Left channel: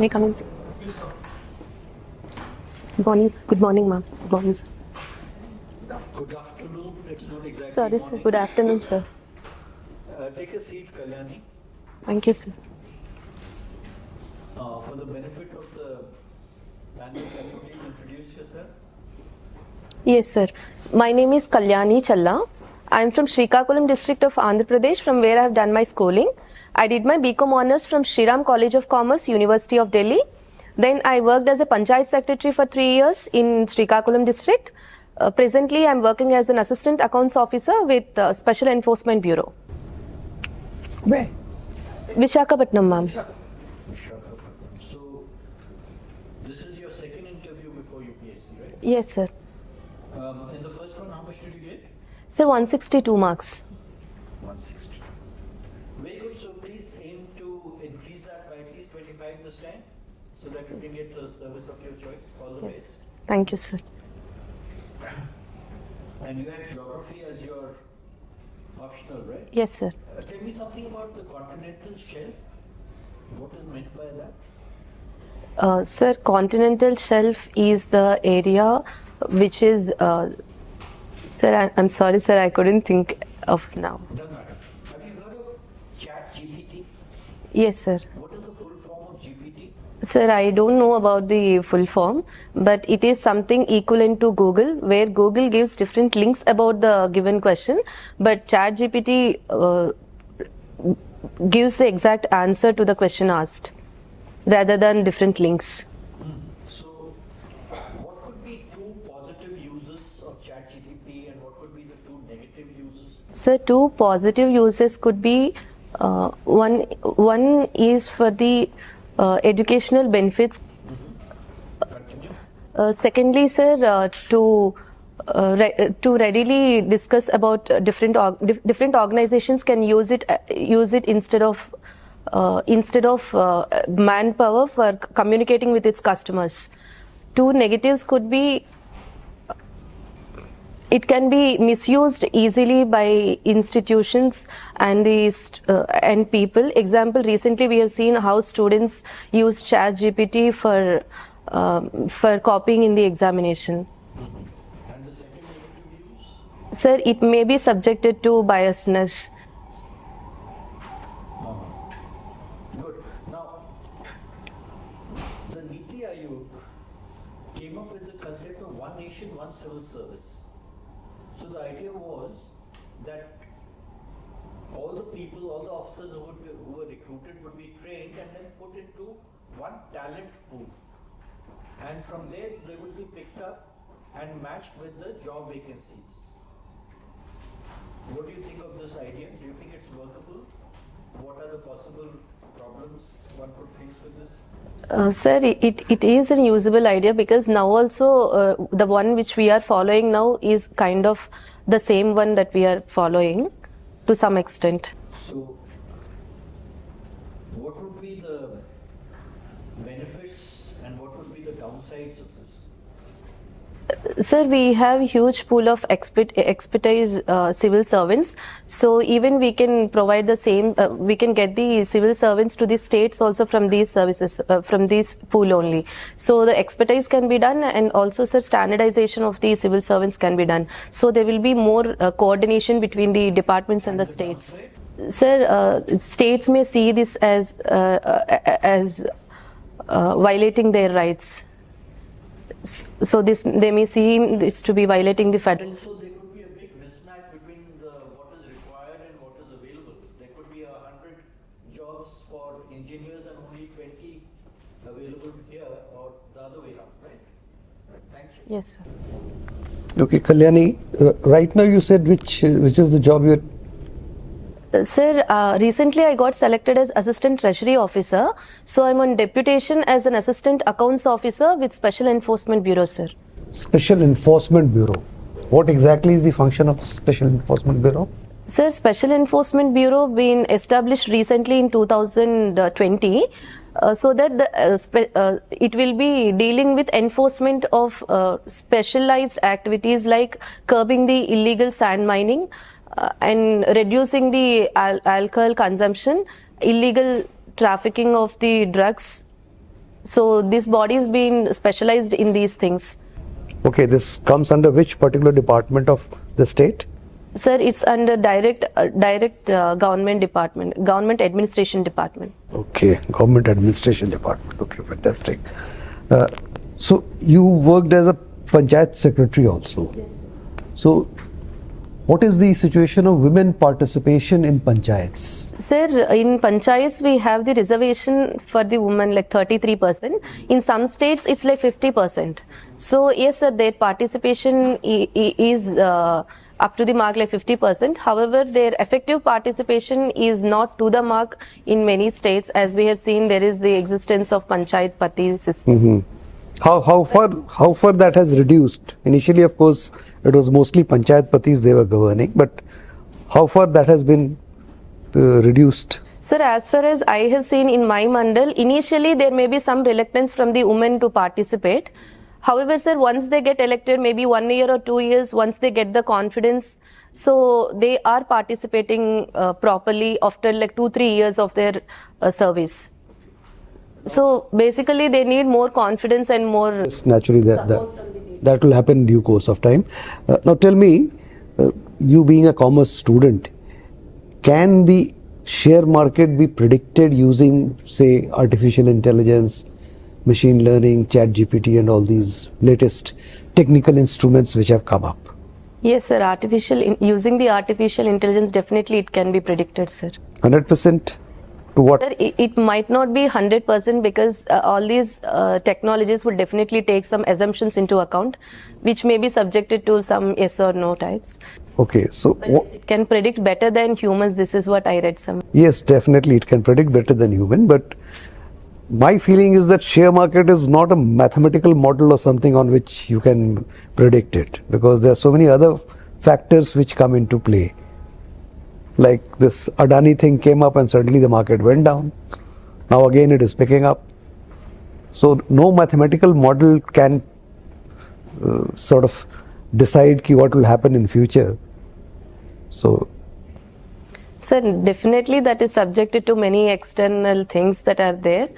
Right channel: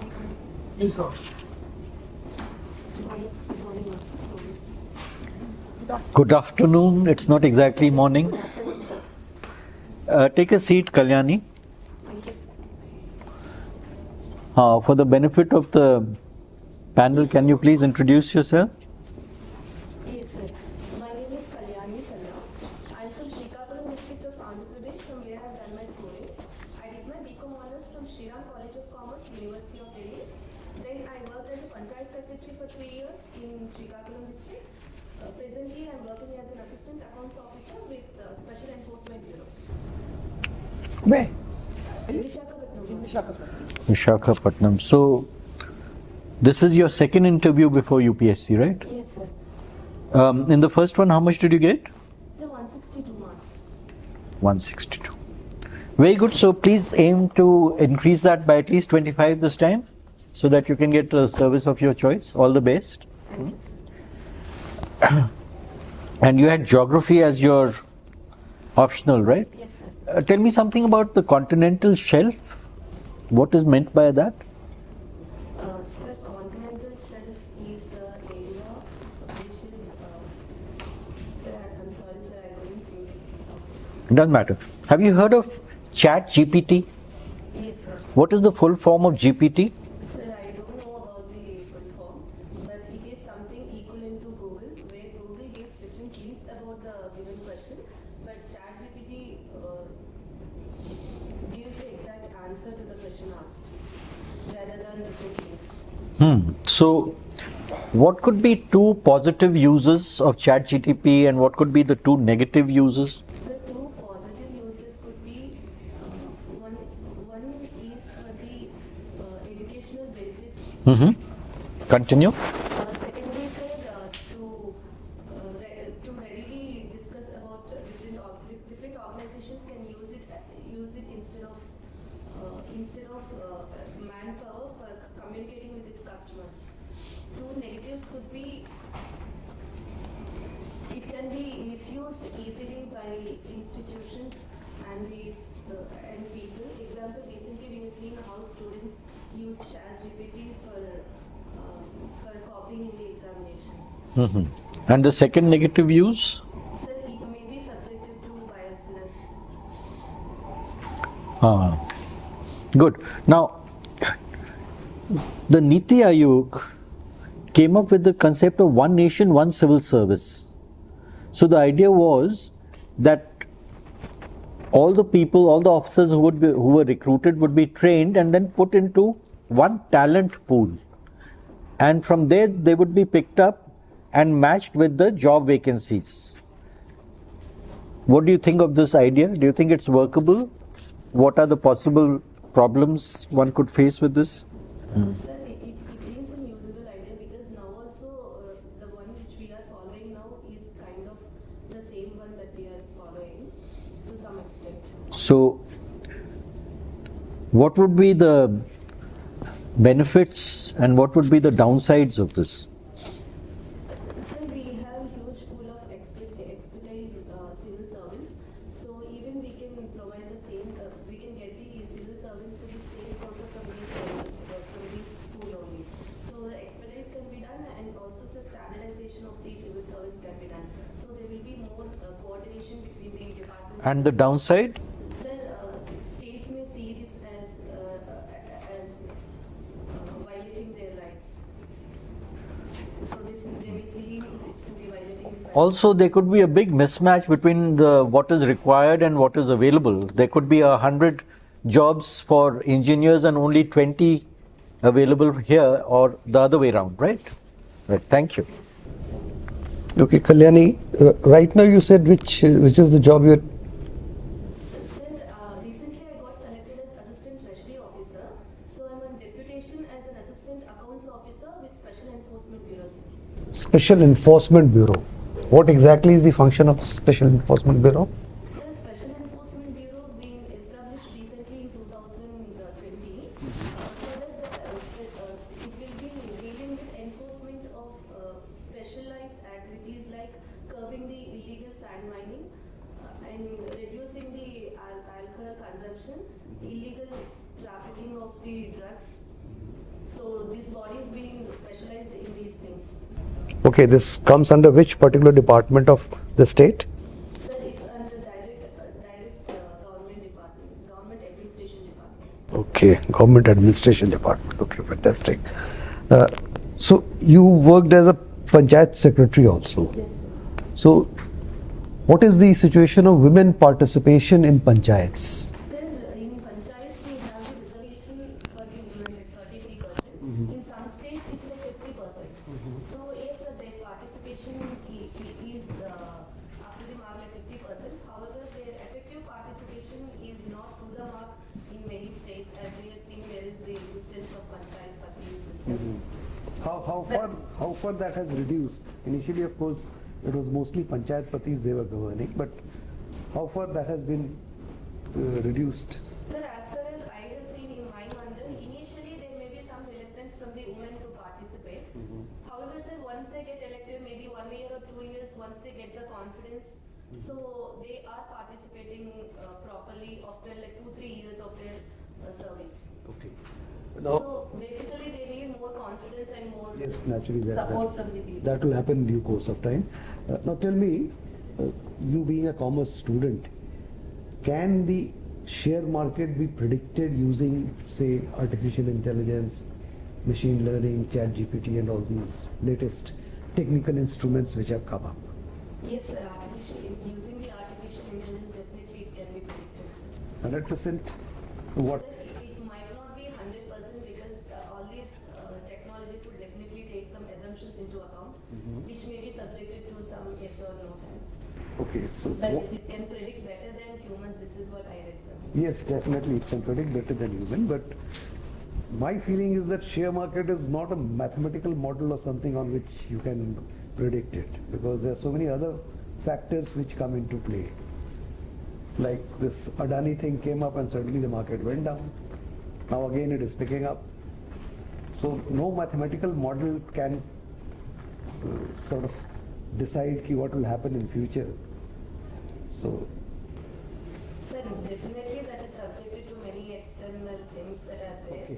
May I come in, sir? Good morning, sir. Good morning, ma'am. Good morning, sir. Good afternoon. It's not exactly Sorry, morning. Sir. Good afternoon, sir. Take a seat, Kalyani. Thank you, sir. For the benefit of the panel, can you please introduce yourself? Yes, sir. My name is Kalyani Challa. I am from Srikakulam district of Andhra Pradesh, from where I have done my schooling. I did my BCom Honours from Shriram College of Commerce, University of Delhi. Then I worked as a Panchayat Secretary for 3 years in Srikakulam district. Presently, I am working as an Assistant Accounts Officer with Special Enforcement Bureau. Where? Visakhapatnam, ma'am. Visakhapatnam. So, this is your second interview before UPSC, right? Yes, sir. In the first one, how much did you get? Sir, 162 marks. 162. Very good. So, please aim to increase that by at least 25 this time, so that you can get a service of your choice. All the best. Thank you, sir. And you had geography as your optional, right? Yes, sir. Tell me something about the continental shelf. What is meant by that? Sir, continental shelf is the area which is, sir, I'm sorry, sir, I couldn't think of now. Doesn't matter. Have you heard of Chat GPT? Yes, sir. What is the full form of GPT? Sir, I don't know about the full form, but it is something equivalent to Google, where Google gives different links about the given question, but ChatGPT gives the exact answer to the question asked, rather than different links. So, what could be two positive uses of ChatGPT and what could be the two negative uses? Sir, two positive uses could be, one is for the educational benefits. Continue. Secondly, sir, to readily discuss about different organizations can use it instead of manpower for communicating with its customers. Two negatives could be, it can be misused easily by institutions and and people. Example, recently we have seen how students use ChatGPT for copying in the examination. And the second negative use? Sir, it may be subjected to biasness. Good. Now, the Niti Aayog came up with the concept of one nation, one civil service. So the idea was that all the people, all the officers who were recruited would be trained and then put into one talent pool. And from there they would be picked up and matched with the job vacancies. What do you think of this idea? Do you think it's workable? What are the possible problems one could face with this? Sir, it is a usable idea, because now also the one which we are following now is kind of the same one that we are following to some extent. So, what would be the benefits and what would be the downsides of this? Sir, we have huge pool of expertise civil servants, so even we can provide the same, we can get the civil servants to the states also from these services, from this pool only. So the expertise can be done, and also, sir, standardization of the civil servants can be done. So there will be more coordination between the departments and the states. Downside? Sir, states may see this as violating their rights. So they may see this to be violating the federal. Also, there could be a big mismatch between what is required and what is available. There could be 100 jobs for engineers and only 20 available here, or the other way around, right? Right. Thank you. Yes. Okay, Kalyani, right now you said which is the job you're... Sir, recently I got selected as Assistant Treasury Officer. So I'm on deputation as an Assistant Accounts Officer with Special Enforcement Bureau, sir. Special Enforcement Bureau. What exactly is the function of Special Enforcement Bureau? Sir, Special Enforcement Bureau been established recently in 2020, so that it will be dealing with enforcement of specialized activities like curbing the illegal sand mining, and reducing the alcohol consumption, illegal trafficking of the drugs, So this body is being specialized in these things. Okay, this comes under which particular department of the state? Sir, it's under direct government department, government administration department. Okay, government administration department. Okay, fantastic. So you worked as a panchayat secretary also. Yes. So what is the situation of women participation in panchayats? Sir, in panchayats we have the reservation for the women like 33%. In some states it's like 50%. So yes, sir, their participation is up to the mark like 50%. However, their effective participation is not to the mark in many states. As we have seen, there is the existence of panchayat pati system. How far that has reduced? Initially, of course, it was mostly panchayat patis they were governing, but how far that has been reduced? Sir, as far as I have seen in my mandal, initially there may be some reluctance from the women to participate. However, sir, once they get elected, maybe 1 year or 2 years, once they get the confidence, so they are participating properly after like 2-3 years of their service. So basically they need more confidence and more Yes, naturally that will happen in due course of time. Now tell me, you being a commerce student, can the share market be predicted using, say, artificial intelligence, machine learning, chat GPT and all these latest technical instruments which have come up? Yes, sir. Using the artificial intelligence, definitely it can be predicted, sir. 100%? To what? Sir, it might not be 100% because all these technologies would definitely take some assumptions into account, which may be subjected to some yes or no types. Okay, so But yes, it can predict better than humans. This is what I read some. yes, definitely it can predict better than human, but my feeling is that share market is not a mathematical model or something on which you can predict it, because there are so many other factors which come into play. Like this Adani thing came up and suddenly the market went down. Now again it is picking up. So no mathematical model can sort of decide what will happen in future. So Sir, definitely that is subjected to many external things that are there.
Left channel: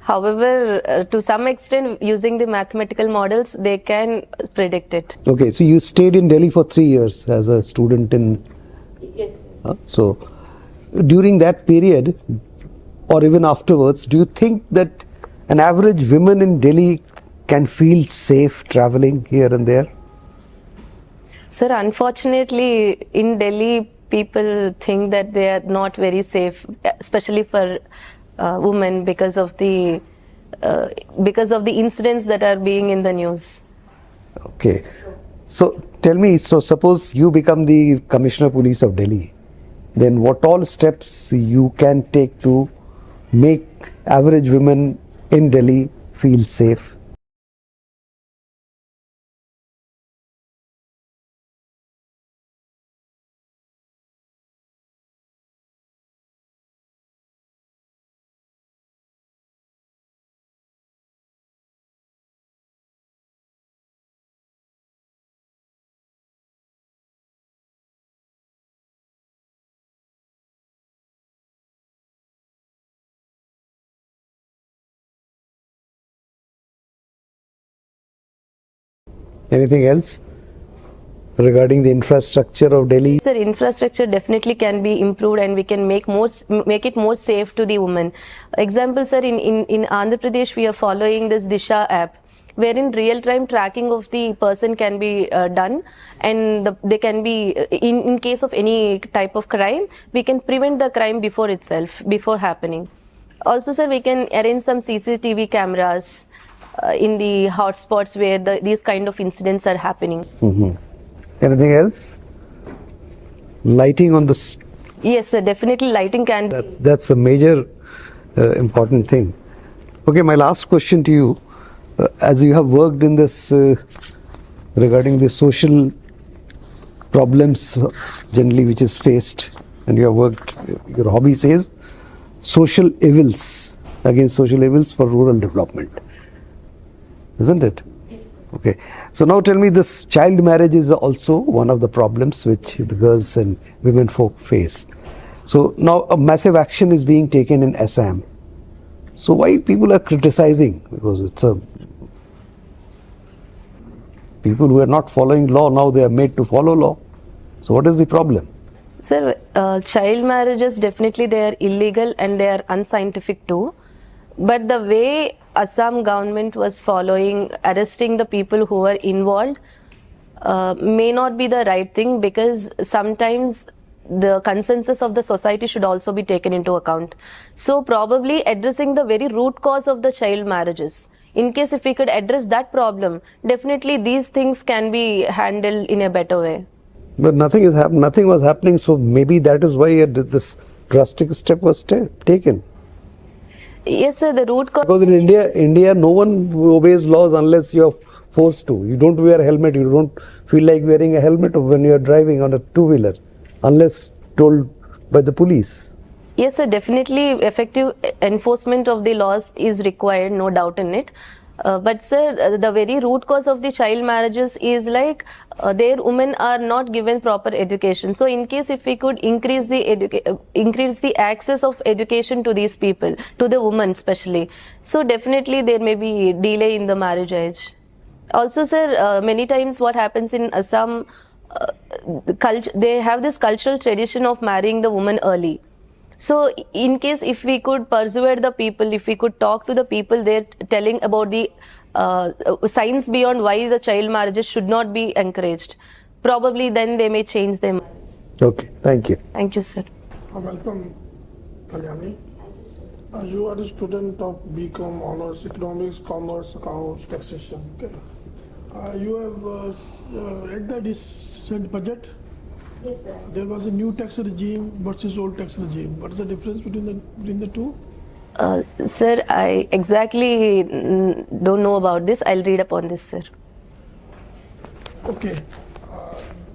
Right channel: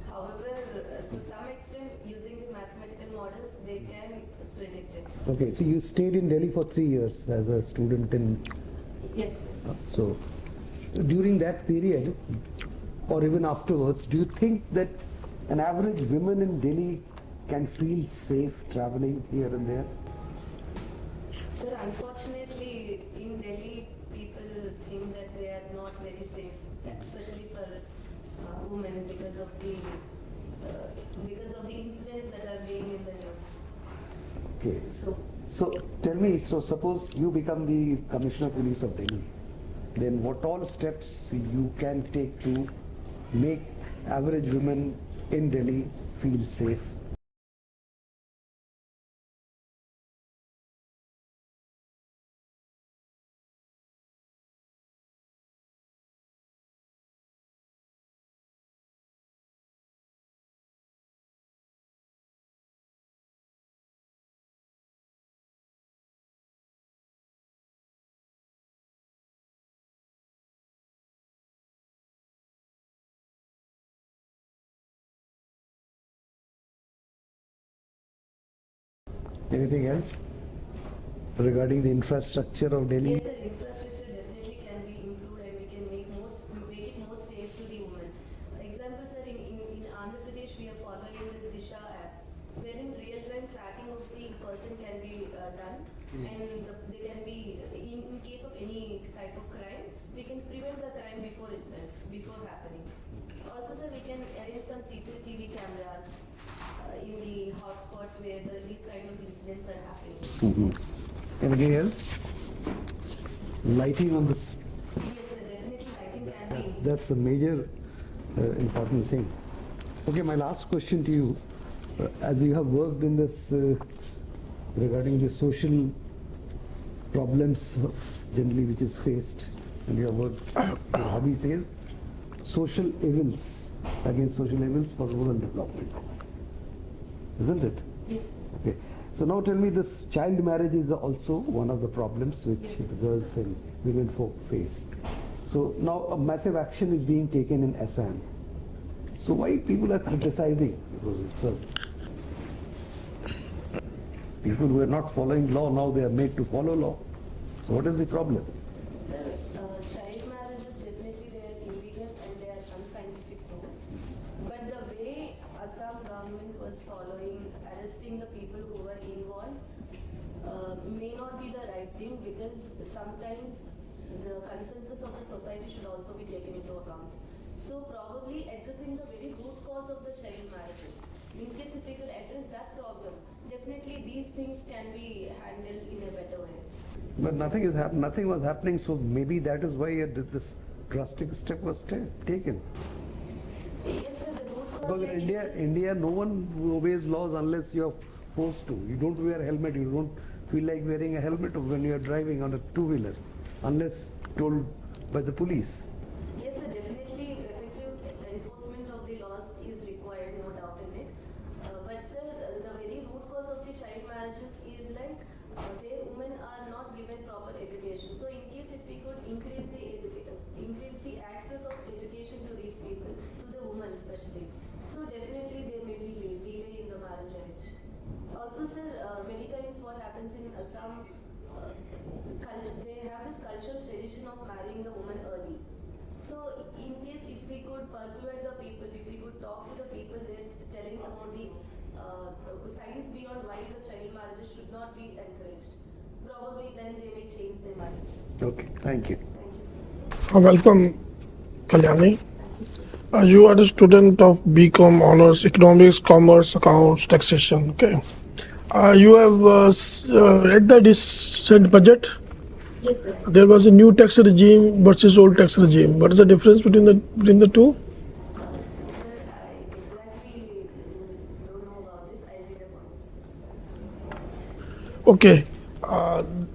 However, to some extent, using the mathematical models, they can predict it. okay, so you stayed in Delhi for 3 years as a student in. Yes. So during that period or even afterwards, do you think that an average woman in Delhi can feel safe traveling here and there? Sir, unfortunately, in Delhi, people think that they are not very safe, especially for women because of the incidents that are being in the news. Okay. So tell me, so suppose you become the Commissioner of Police of Delhi, then what all steps you can take to make average women in Delhi feel safe? Anything else regarding the infrastructure of Delhi? Sir, infrastructure definitely can be improved and we can make it more safe to the women. Example, sir, in Andhra Pradesh, we are following this Disha app, wherein real-time tracking of the person can be done, and they can be, in case of any type of crime, we can prevent the crime before happening. Also, sir, we can arrange some CCTV cameras in the hotspots where these kind of incidents are happening. Anything else? Lighting on the... Yes, sir, definitely lighting can be. That's a major important thing. Okay, my last question to you. As you have worked in this regarding the social problems generally which is faced, and you have worked, your hobby says social evils, against social evils for rural development, isn't it? Yes. Okay, so now tell me, this child marriage is also one of the problems which the girls and women folk face. So now a massive action is being taken in Assam. So why people are criticizing? because it's a people who are not following law, now they are made to follow law. So what is the problem? Sir, child marriages, definitely they are illegal and they are unscientific too. But the way Assam government was following, arresting the people who were involved, may not be the right thing, because sometimes the consensus of the society should also be taken into account. So probably addressing the very root cause of the child marriages. In case if we could address that problem, definitely these things can be handled in a better way. But nothing was happening, so maybe that is why this drastic step was taken. Yes, sir, the root cause. Because in India, no one obeys laws unless you are forced to. You don't wear a helmet. You don't feel like wearing a helmet when you are driving on a two-wheeler, unless told by the police. Yes, sir, definitely effective enforcement of the laws is required, no doubt in it. But sir, the very root cause of the child marriages is like their women are not given proper education. So in case if we could increase the access of education to these people, to the women especially, so definitely there may be delay in the marriage age. Also sir, many times what happens in Assam, they have this cultural tradition of marrying the woman early. So in case if we could persuade the people, if we could talk to the people there, telling about the science beyond why the child marriages should not be encouraged, probably then they may change their minds. Okay, thank you. Thank you, sir. Welcome, Kalyani. You are a student of BCom Honors Economics, Commerce, Accounts, Taxation. Okay. You have read the recent budget. Yes, sir. There was a new tax regime versus old tax regime. What is the difference between the two? Sir, I exactly don't know about this. I'll read upon this, sir. Okay.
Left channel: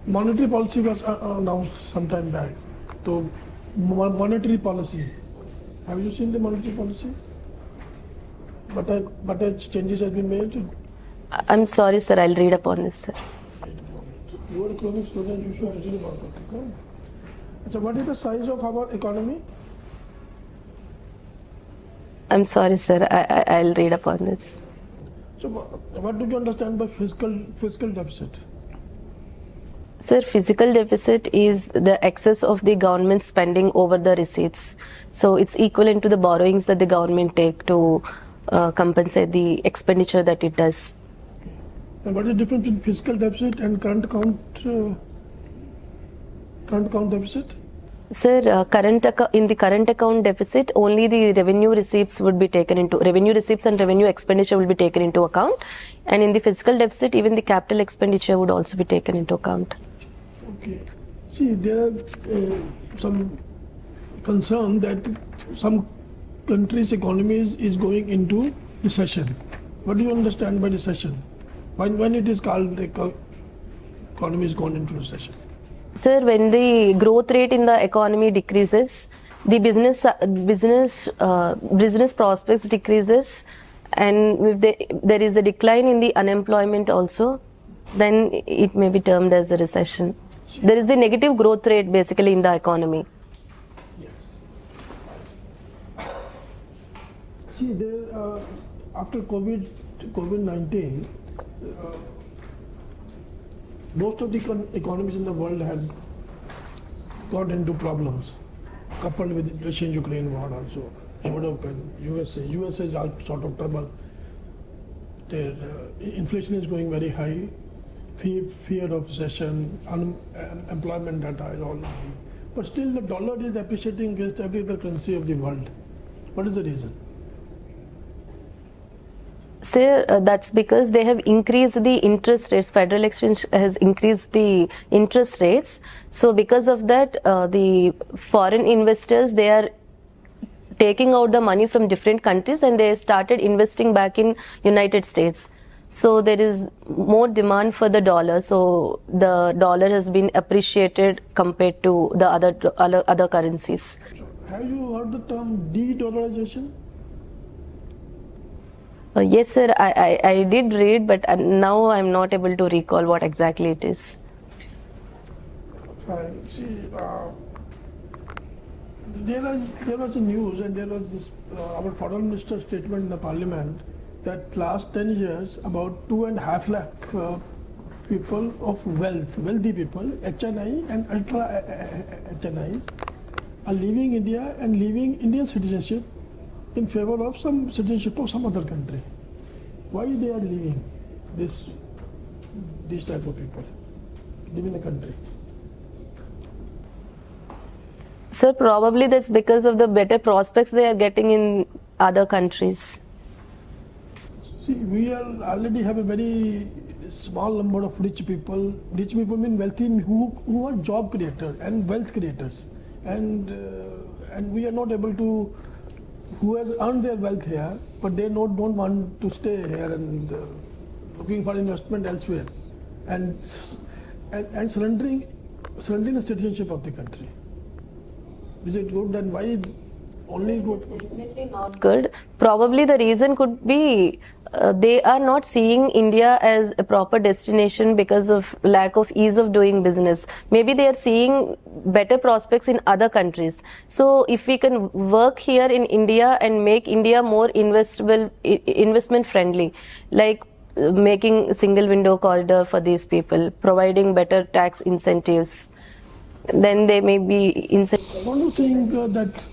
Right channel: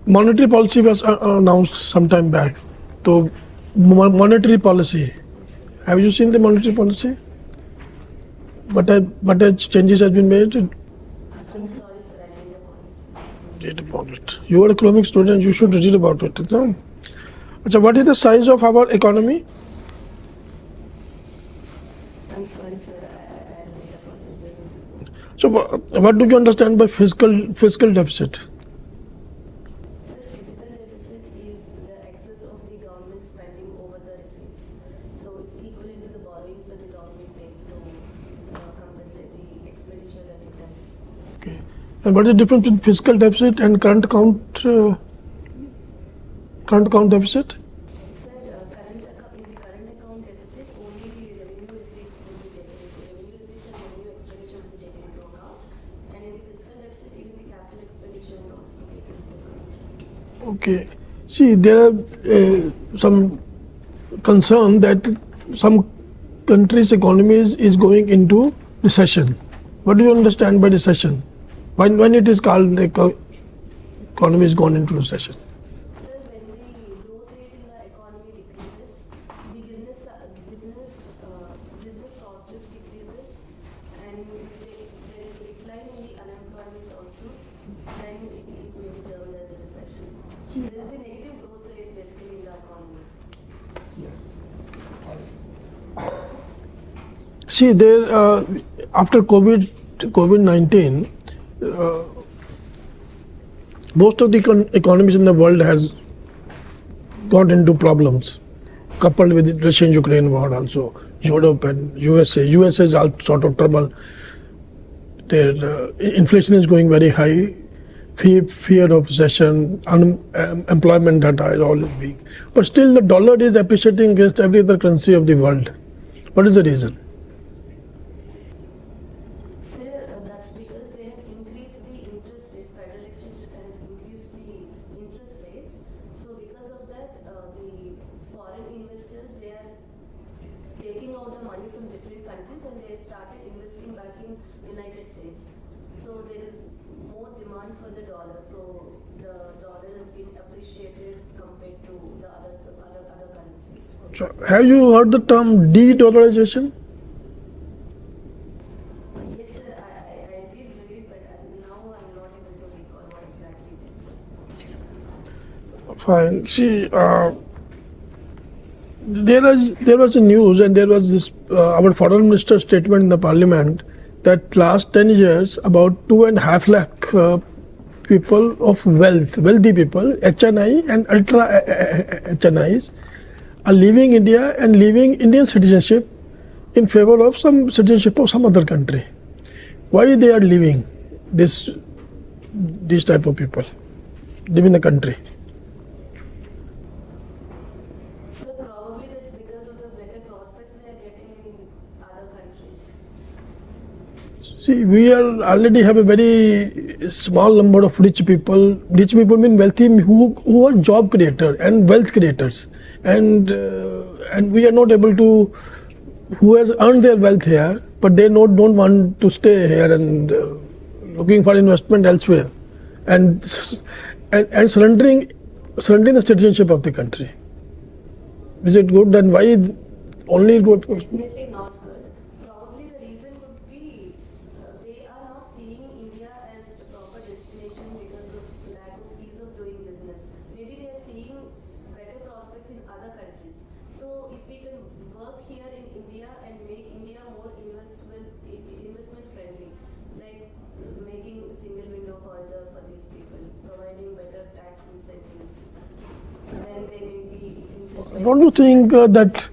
Monetary policy was announced some time back. So, monetary policy. Have you seen the monetary policy? What changes has been made? I'm sorry, sir. I'll read upon this, sir. Read about it. You are a economics student, you should read about it. No? So what is the size of our economy? I'm sorry, sir. I'll read upon this. So what do you understand by fiscal deficit? Sir, fiscal deficit is the excess of the government spending over the receipts. So it's equivalent to the borrowings that the government take to compensate the expenditure that it does. Okay. And what is the difference between fiscal deficit and current account deficit? Sir, in the current account deficit, only the revenue receipts and revenue expenditure will be taken into account. And in the fiscal deficit, even the capital expenditure would also be taken into account. Okay. See, there are some concern that some countries' economies is going into recession. What do you understand by recession? When it is called the economy is gone into recession? Sir, when the growth rate in the economy decreases, the business prospects decreases, and if there is a decline in the unemployment also, then it may be termed as a recession. There is the negative growth rate basically in the economy. See, there after COVID-19, most of the economies in the world has got into problems, coupled with the Russia-Ukraine war also. Europe and USA. USA is all sort of trouble. Their inflation is going very high. Fear of recession, unemployment data is all weak. But still the dollar is appreciating against every other currency of the world. What is the reason? Sir, that's because they have increased the interest rates. Federal Exchange has increased the interest rates. So because of that, the foreign investors, they are taking out the money from different countries and they started investing back in United States. So there is more demand for the dollar. So the dollar has been appreciated compared to the other currencies. So have you heard the term de-dollarization? Yes, sir. I did read, but now I'm not able to recall what exactly it is. Fine. See, there was a news and there was this our foreign minister's statement in the parliament that last 10 years, about 2.5 lakh people of wealthy people, HNI and ultra HNIs, are leaving India and leaving Indian citizenship in favor of some citizenship of some other country. Why they are leaving these type of people, leaving the country? Sir, probably that's because of the better prospects they are getting in other countries. See, we are already have a very small number of rich people. Rich people mean wealthy, who are job creators and wealth creators, and we are not able to, who has earned their wealth here, but they don't want to stay here and looking for investment elsewhere, and surrendering the citizenship of the country. Is it good? Then why only good? Definitely not good. Probably the reason could be they are not seeing India as a proper destination because of lack of ease of doing business. Maybe they are seeing better prospects in other countries. So if we can work here in India and make India more investment friendly, like making single window corridor for these people, providing better tax incentives, then they may be incentivized. Don't you think that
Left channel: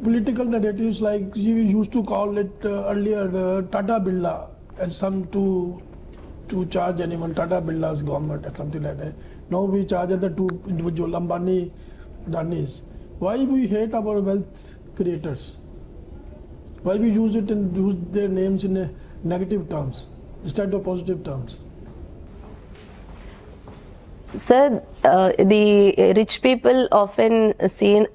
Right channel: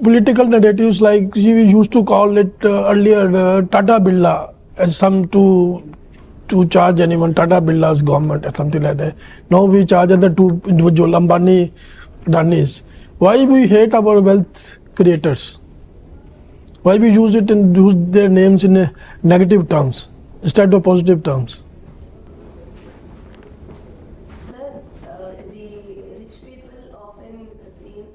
political narratives, like we used to call it earlier Tata Birla, as some to charge anyone, Tata Birla's government or something like that. Now we charge other two individual, Ambani, Danis. Why we hate our wealth creators? Why we use it and use their names in negative terms instead of positive terms? Sir, the rich people often seen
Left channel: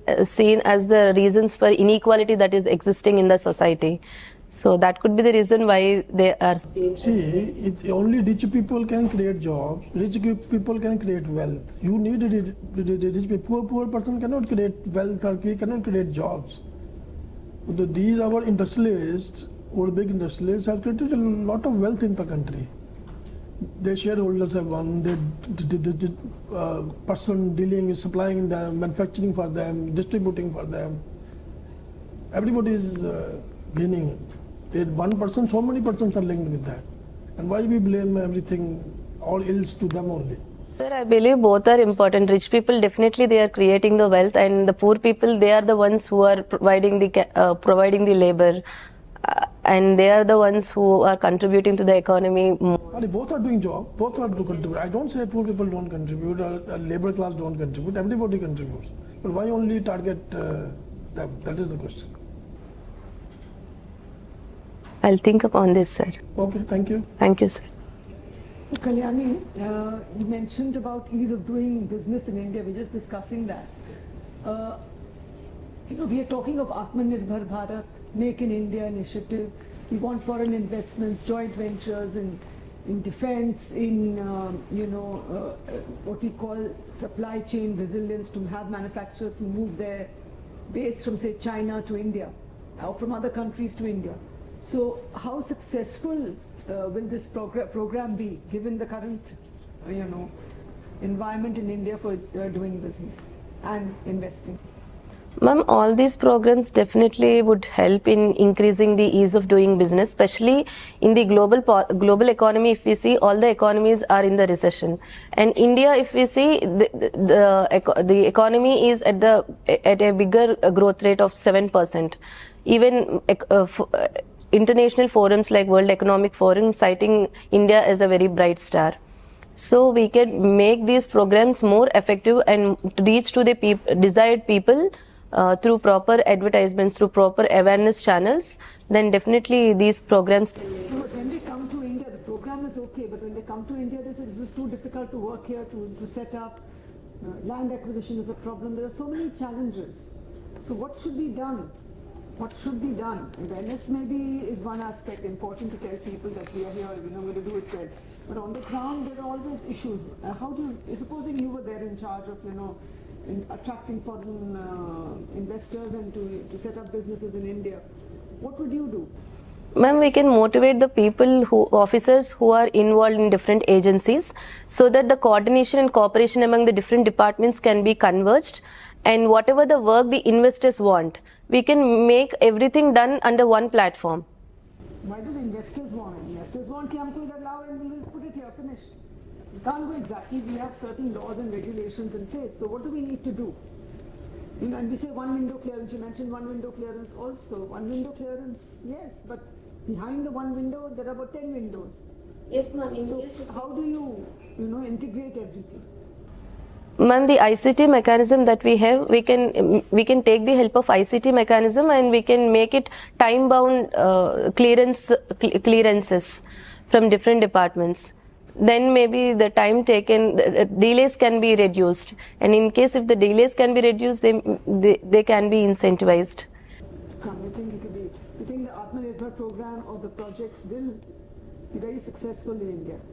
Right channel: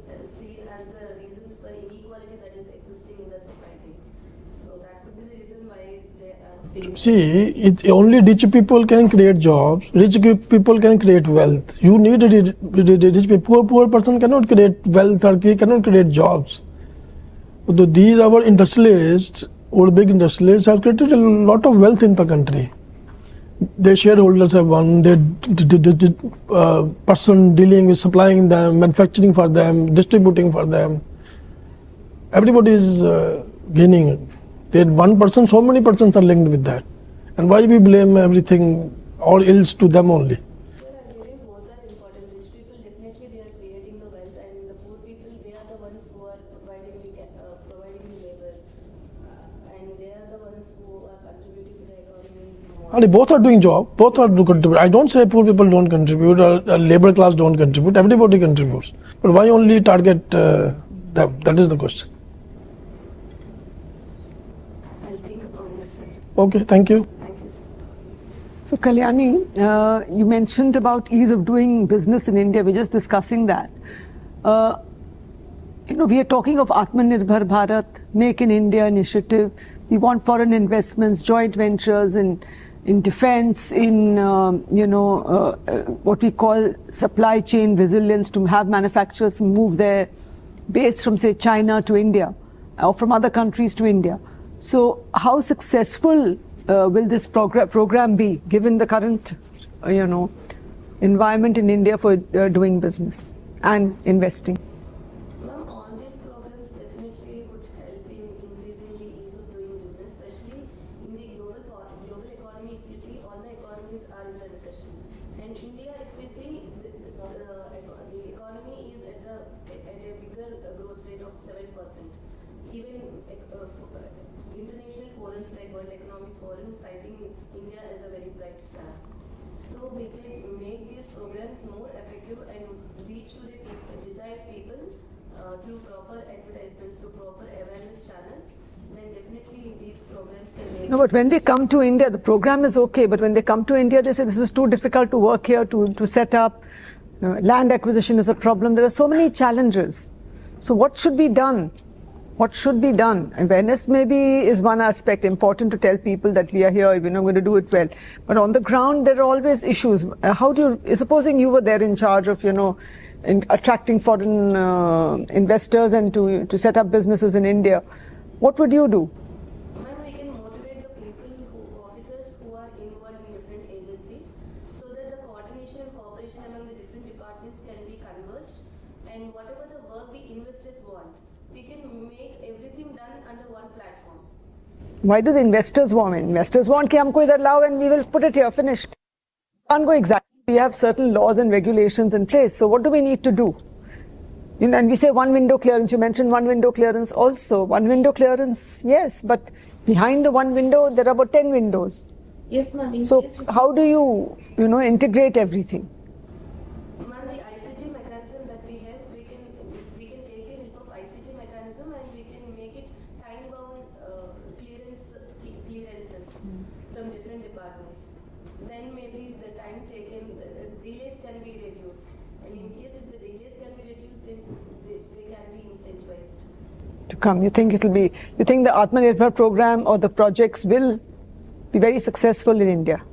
as the reasons for inequality that is existing in the society. So that could be the reason why they are seen. See, only rich people can create jobs. Rich people can create wealth. You need a rich people. Poor person cannot create wealth or cannot create jobs. These our industrialists or big industrialists have created a lot of wealth in the country. Their shareholders have won, their person dealing with supplying them, manufacturing for them, distributing for them. Everybody is gaining. There one person, so many persons are linked with that. And why we blame everything, all ills to them only? Sir, I believe both are important. Rich people, definitely they are creating the wealth, and the poor people, they are the ones who are providing the labor. And they are the ones who are contributing to the economy more. Both are doing job, both are contribute. I don't say poor people don't contribute or labor class don't contribute, everybody contributes. But why only target them? That is the question. I'll think upon this, sir. Okay, thank you. Thank you, sir. So Kalyani, you mentioned about ease of doing business in India. We're just discussing that. We are talking of Atmanirbhar Bharat, Make in India initiative. We want foreign investments, joint ventures in defense, in what we call supply chain resilience, to have manufacturers move their base from, say, China to India or from other countries to India. So how successful will this program be, given the current environment in India for doing business and investing? Ma'am, all these programs definitely would help in increasing the ease of doing business, especially in the global economy. If we see, all the economies are in the recession, and India, if we see, the economy is at a bigger growth rate of 7%. Even international forums like World Economic Forum citing India as a very bright star. So we can make these programs more effective and reach to the desired people through proper advertisements, through proper awareness channels. Then definitely these programs can... No, but when they come to India, the program is okay, but when they come to India, they say this is too difficult to work here, to set up. Land acquisition is a problem. There are so many challenges. So what should be done? What should be done? Awareness maybe is one aspect, important to tell people that we are here, we're going to do it well. But on the ground, there are always issues. How do you, supposing you were there in charge of, in attracting foreign investors and to set up businesses in India, what would you do? Ma'am, we can motivate the officers who are involved in different agencies, so that the coordination and cooperation among the different departments can be converged, and whatever the work the investors want, we can make everything done under one platform. Why do the investors want it? Investors want कि हमको इधर लाओ and we will put it here, finished. Can't go exactly. We have certain laws and regulations in place. So what do we need to do? And we say one window clearance. You mentioned one window clearance also. One window clearance, yes, but behind the one window there are about 10 windows. Yes, ma'am. So how do you integrate everything? Ma'am, the ICT mechanism that we have, we can take the help of ICT mechanism and we can make it time-bound clearances from different departments. Then maybe the time taken, delays can be reduced. And in case if the delays can be reduced, they can be incentivized. To come, you think the Atmanirbhar program or the projects will be very successful in India?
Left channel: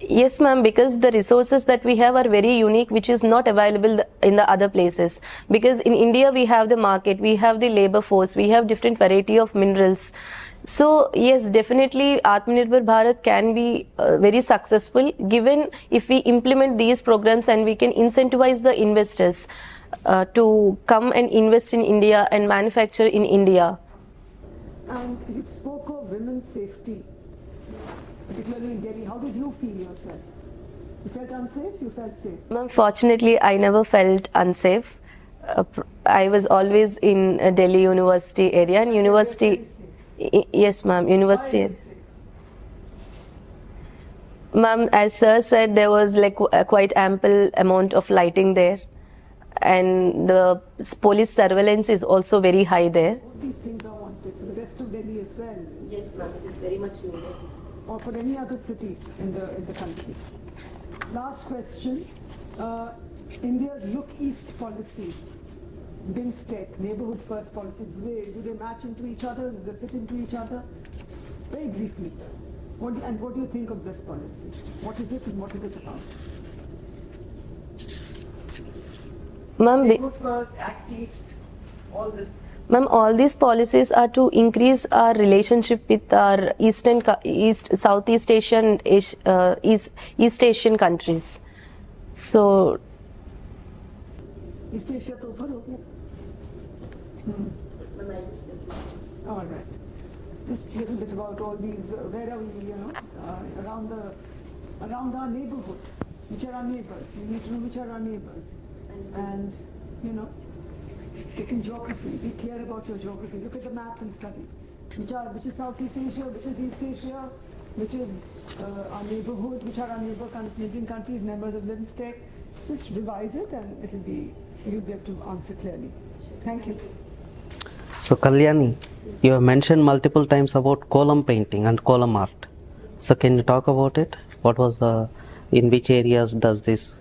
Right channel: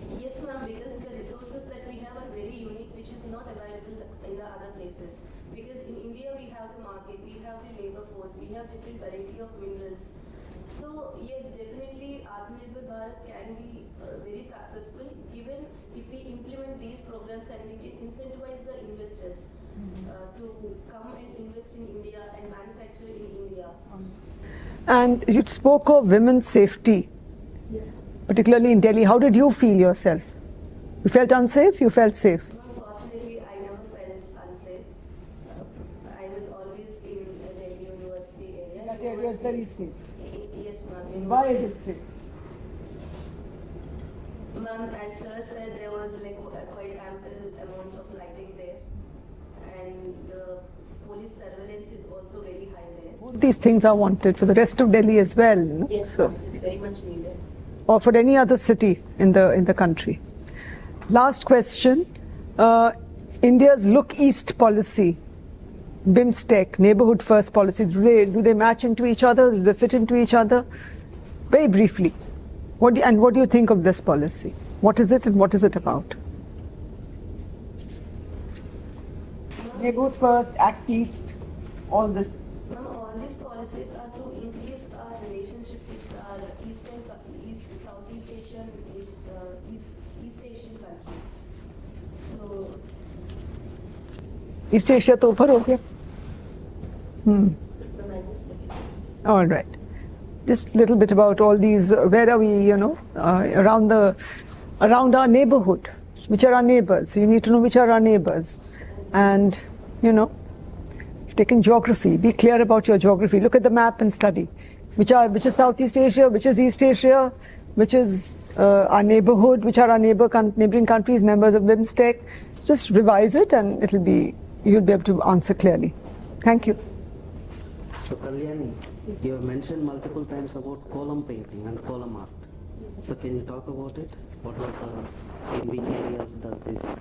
Yes, ma'am, because the resources that we have are very unique, which is not available in the other places. Because in India, we have the market, we have the labor force, we have different variety of minerals. So, yes, definitely Atmanirbhar Bharat can be very successful given if we implement these programs and we can incentivize the investors to come and invest in India and manufacture in India. And you spoke of women's safety. Yes. Particularly in Delhi, how did you feel yourself? You felt unsafe? You felt safe? Fortunately, I never felt unsafe. I was always in Delhi University area and university. Yes, ma'am. University. Ma'am, as sir said, there was like a quite ample amount of lighting there, and the police surveillance is also very high there. These things are wanted for the rest of Delhi as well. Yes, so it is very much needed. Or for any other city in the country. Last question, India's Look East policy, BIMSTEC, neighborhood first policy, do they match into each other? Do they fit into each other? Very briefly, what do you think of this policy? What is it and what is it about? Neighborhood first, Act East, all this. Ma'am, all these policies are to increase our relationship with our Southeast Asian, East Asian countries. So, East Asia to upar ho gaya. All right. Just a little bit about all these. Where are we? Around our neighborhood. Which are our neighbors? You need to know which are our neighbors, and taking geography, be clear about your geography. Look at the map and study. Which is Southeast Asia, which is East Asia, which is our neighborhood, which are our neighboring countries, members of BIMSTEC. Just revise it and you'll be able to answer clearly. Thank you. So Kalyani, you have mentioned multiple times about column painting and column art. So can you talk about it? What was in which areas does this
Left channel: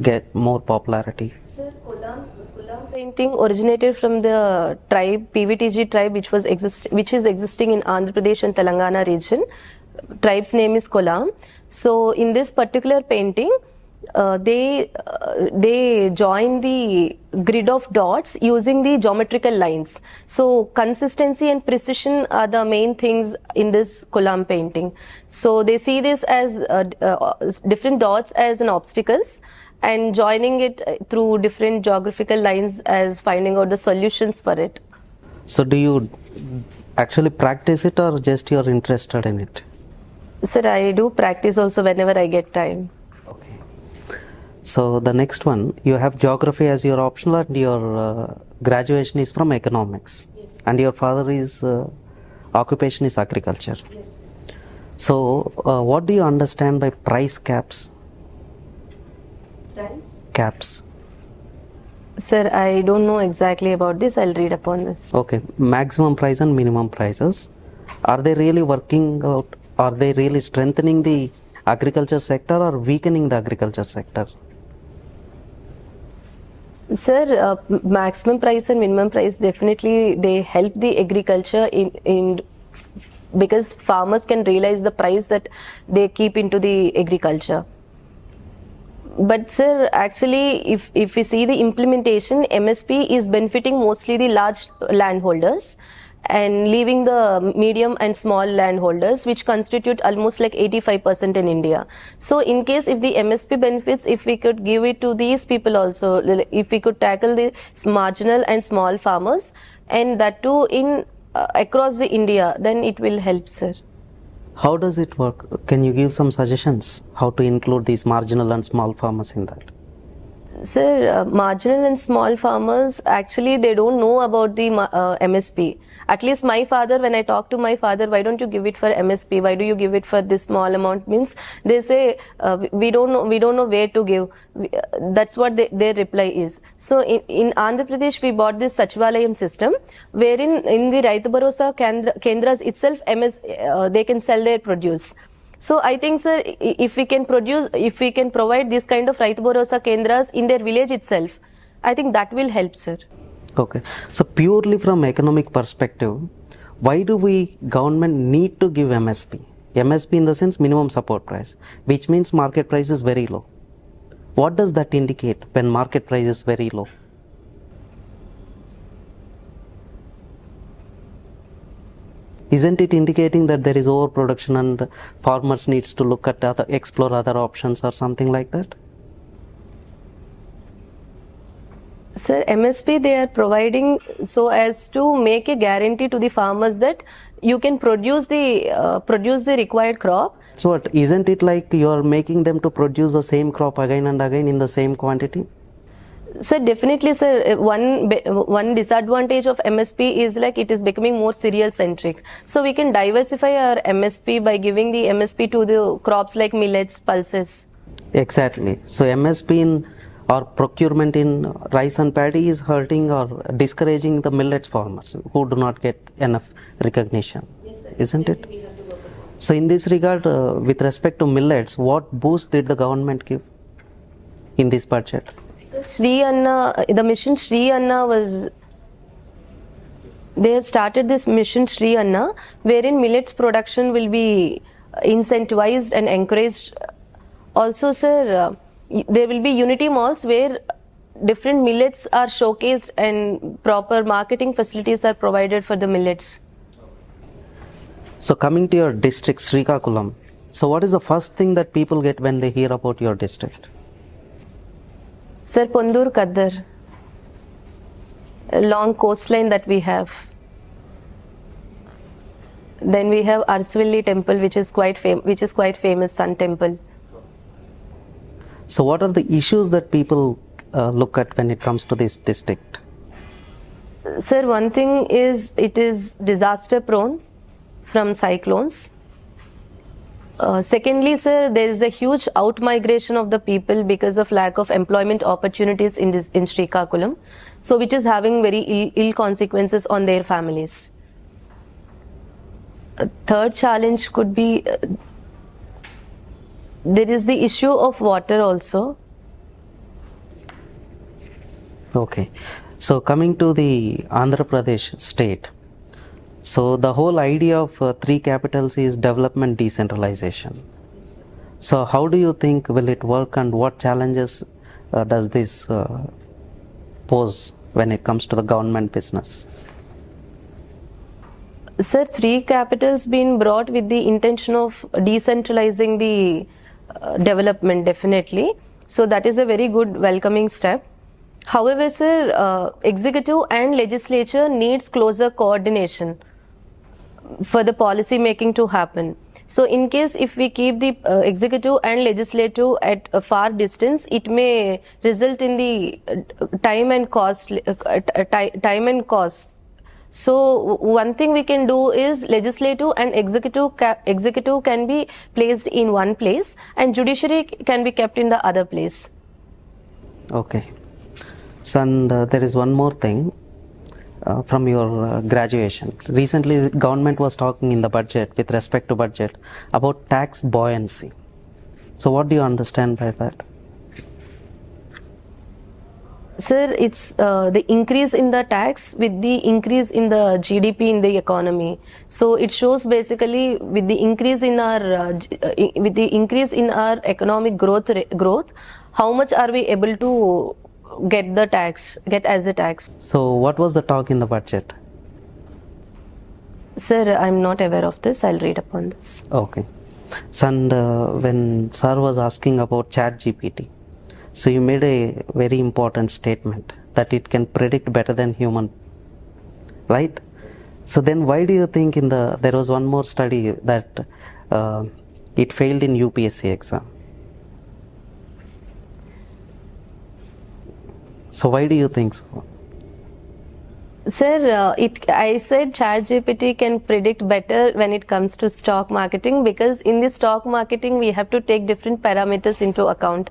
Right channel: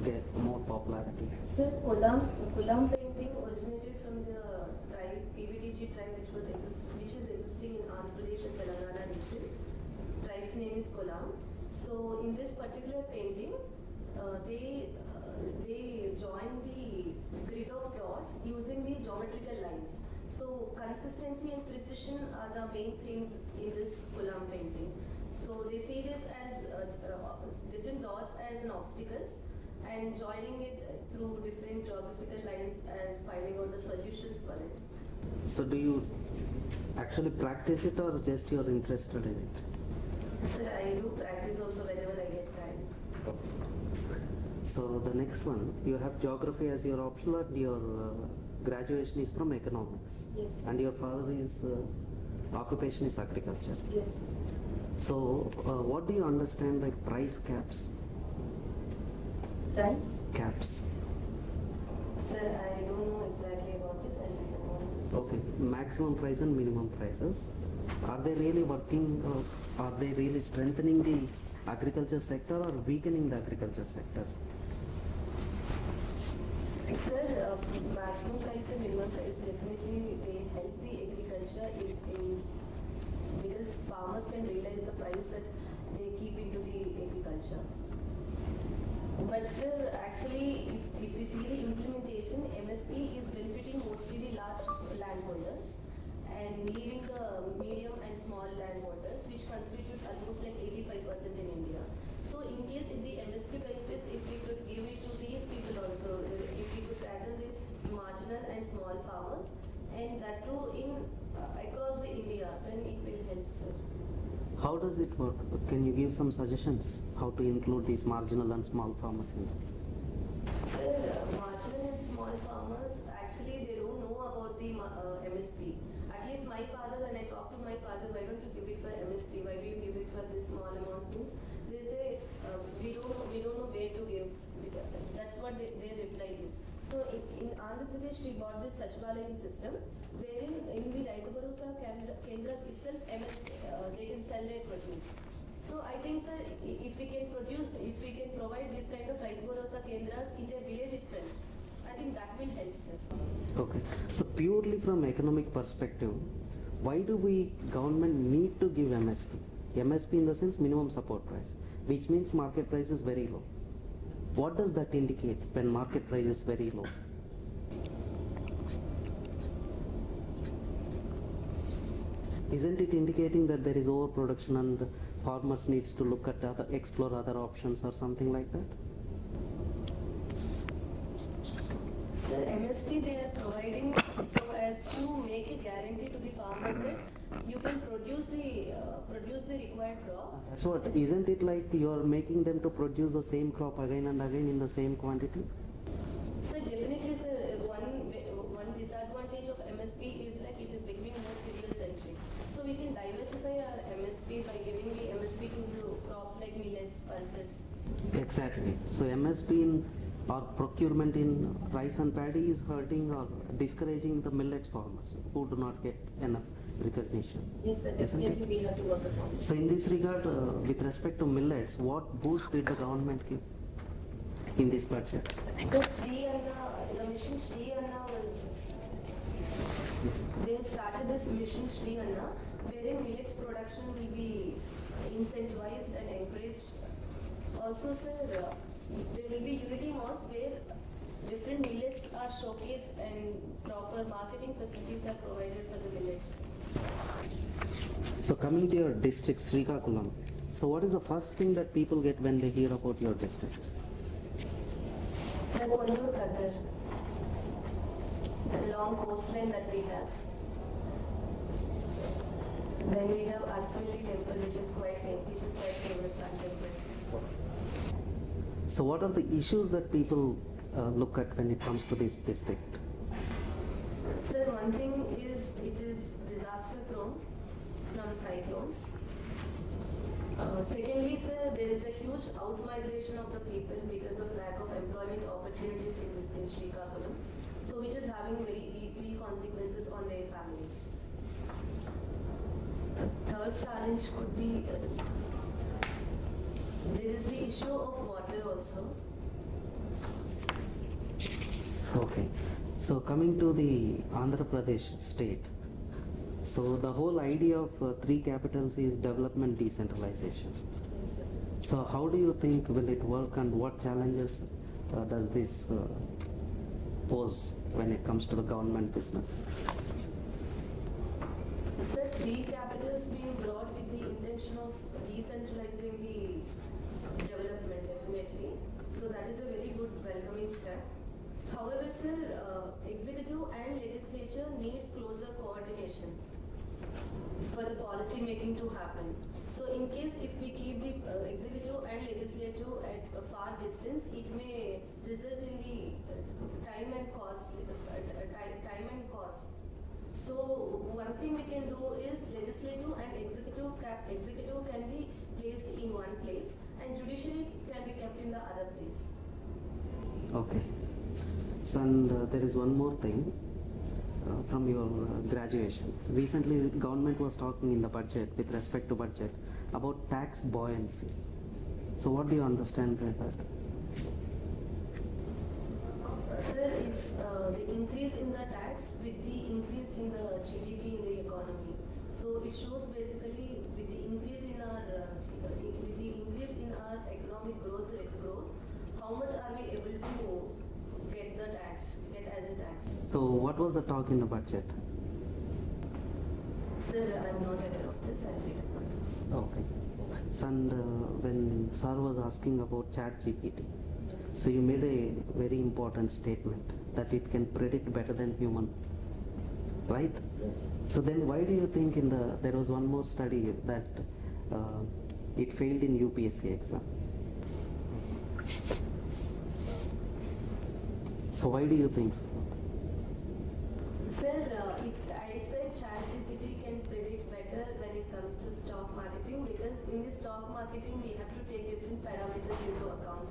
get more popularity? Sir, column painting originated from the tribe, PVTG tribe, which is existing in Andhra Pradesh and Telangana region. Tribe's name is Kolam. So in this particular painting, they join the grid of dots using the geometrical lines. So consistency and precision are the main things in this Kolam painting. So they see this as different dots as an obstacles, and joining it through different geographical lines as finding out the solutions for it. So do you actually practice it or just you're interested in it? Sir, I do practice also whenever I get time. Okay. So the next one, you have geography as your optional and your graduation is from economics. Yes. And your father's occupation is agriculture. Yes. So what do you understand by price caps? Price? Caps. Sir, I don't know exactly about this. I'll read upon this. Okay. Maximum price and minimum prices. Are they really working out? Are they really strengthening the agriculture sector or weakening the agriculture sector? Sir, maximum price and minimum price, definitely they help the agriculture in because farmers can realize the price that they keep into the agriculture. But sir, actually, if we see the implementation, MSP is benefiting mostly the large landholders, and leaving the medium and small landholders, which constitute almost like 85% in India. So in case if the MSP benefits, if we could give it to these people also, if we could tackle the marginal and small farmers, and that too in across the India, then it will help, sir. How does it work? Can you give some suggestions how to include these marginal and small farmers in that? Sir, marginal and small farmers, actually they don't know about the MSP. At least my father, when I talk to my father, why don't you give it for MSP? Why do you give it for this small amount? Means they say we don't know where to give. That's what their reply is. So in Andhra Pradesh, we bought this Sachivalayam system, wherein in the Raitu Bharosa Kendras itself, they can sell their produce. So I think, sir, if we can provide this kind of Raitu Bharosa Kendras in their village itself, I think that will help, sir. Okay. So purely from economic perspective, why do we government need to give MSP? MSP in the sense minimum support price, which means market price is very low. What does that indicate when market price is very low? Isn't it indicating that there is overproduction and farmers needs to look at explore other options or something like that? Sir, MSP they are providing so as to make a guarantee to the farmers that you can produce the required crop. So what, isn't it like you are making them to produce the same crop again and again in the same quantity? Sir, definitely, sir. One disadvantage of MSP is like it is becoming more cereal centric. So we can diversify our MSP by giving the MSP to the crops like millets, pulses. Exactly. So MSP in or procurement in rice and paddy is hurting or discouraging the millets farmers who do not get enough recognition. Yes, sir. Isn't it? We have to work upon. So in this regard, with respect to millets, what boost did the government give in this budget? So Shri Anna, the mission Shri Anna was, they have started this mission Shri Anna, wherein millets production will be incentivized and encouraged. Also, sir, there will be unity malls where different millets are showcased and proper marketing facilities are provided for the millets. So coming to your district, Srikakulam, so what is the first thing that people get when they hear about your district? Sir, Pondur Kaddar, a long coastline that we have. Then we have Arsvilli temple, which is quite famous, Sun temple. So what are the issues that people look at when it comes to this district? Sir, one thing is it is disaster prone from cyclones. Secondly, sir, there is a huge out-migration of the people because of lack of employment opportunities in Srikakulam, so which is having very ill consequences on their families. A third challenge could be there is the issue of water also. Okay, so coming to the Andhra Pradesh state, so the whole idea of 3 capitals is development decentralization. So how do you think will it work and what challenges does this pose when it comes to the government business? Sir, 3 capitals been brought with the intention of decentralizing the development, definitely. So that is a very good welcoming step. However, sir, executive and legislature needs closer coordination for the policy making to happen. So in case if we keep the executive and legislative at a far distance, it may result in the time and cost. So one thing we can do is legislative and executive can be placed in one place and judiciary can be kept in the other place. Okay. So and there is one more thing from your graduation. Recently the government was talking in the budget with respect to budget about tax buoyancy. So what do you understand by that? Sir, it's the increase in the tax with the increase in the GDP in the economy. So it shows basically with the increase in our economic growth, how much are we able to get as a tax. So what was the talk in the budget? Sir, I'm not aware of this. I'll read upon this. Okay. So, and when sir was asking about chat GPT, so you made a very important statement that it can predict better than human, right? So then why do you think there was one more study that it failed in UPSC exam? So why do you think so? Sir, I said ChatGPT can predict better when it comes to stock marketing, because in the stock marketing we have to take different parameters into account.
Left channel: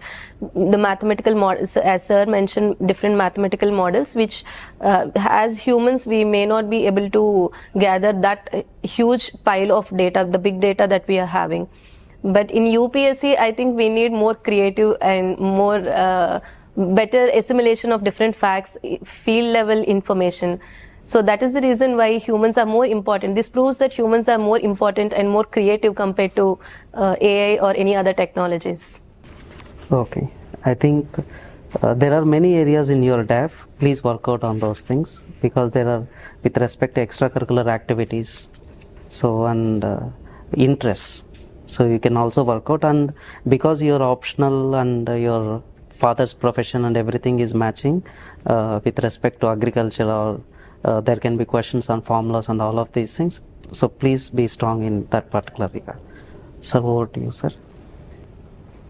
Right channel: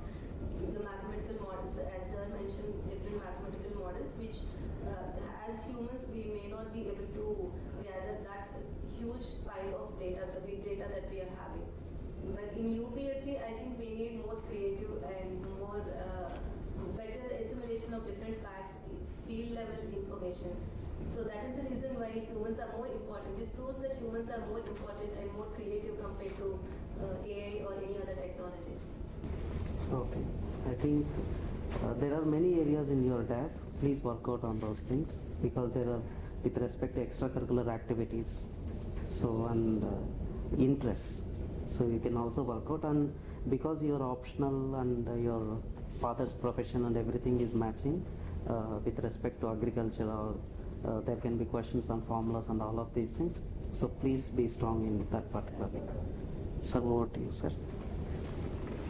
The mathematical models, as sir mentioned, different mathematical models, which as humans we may not be able to gather that huge pile of data, the big data that we are having. But in UPSC, I think we need more creative and more better assimilation of different facts, field level information. So that is the reason why humans are more important. This proves that humans are more important and more creative compared to AI or any other technologies. Okay, I think there are many areas in your DAF. Please work out on those things, because there are, with respect to extracurricular activities, so and interests. So you can also work out, and because you're optional and your father's profession and everything is matching with respect to agriculture, or there can be questions on formulas and all of these things. So please be strong in that particular regard. Sir, over to you, sir.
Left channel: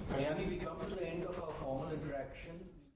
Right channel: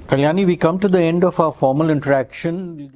Kalyani, we come to the end of our formal interaction.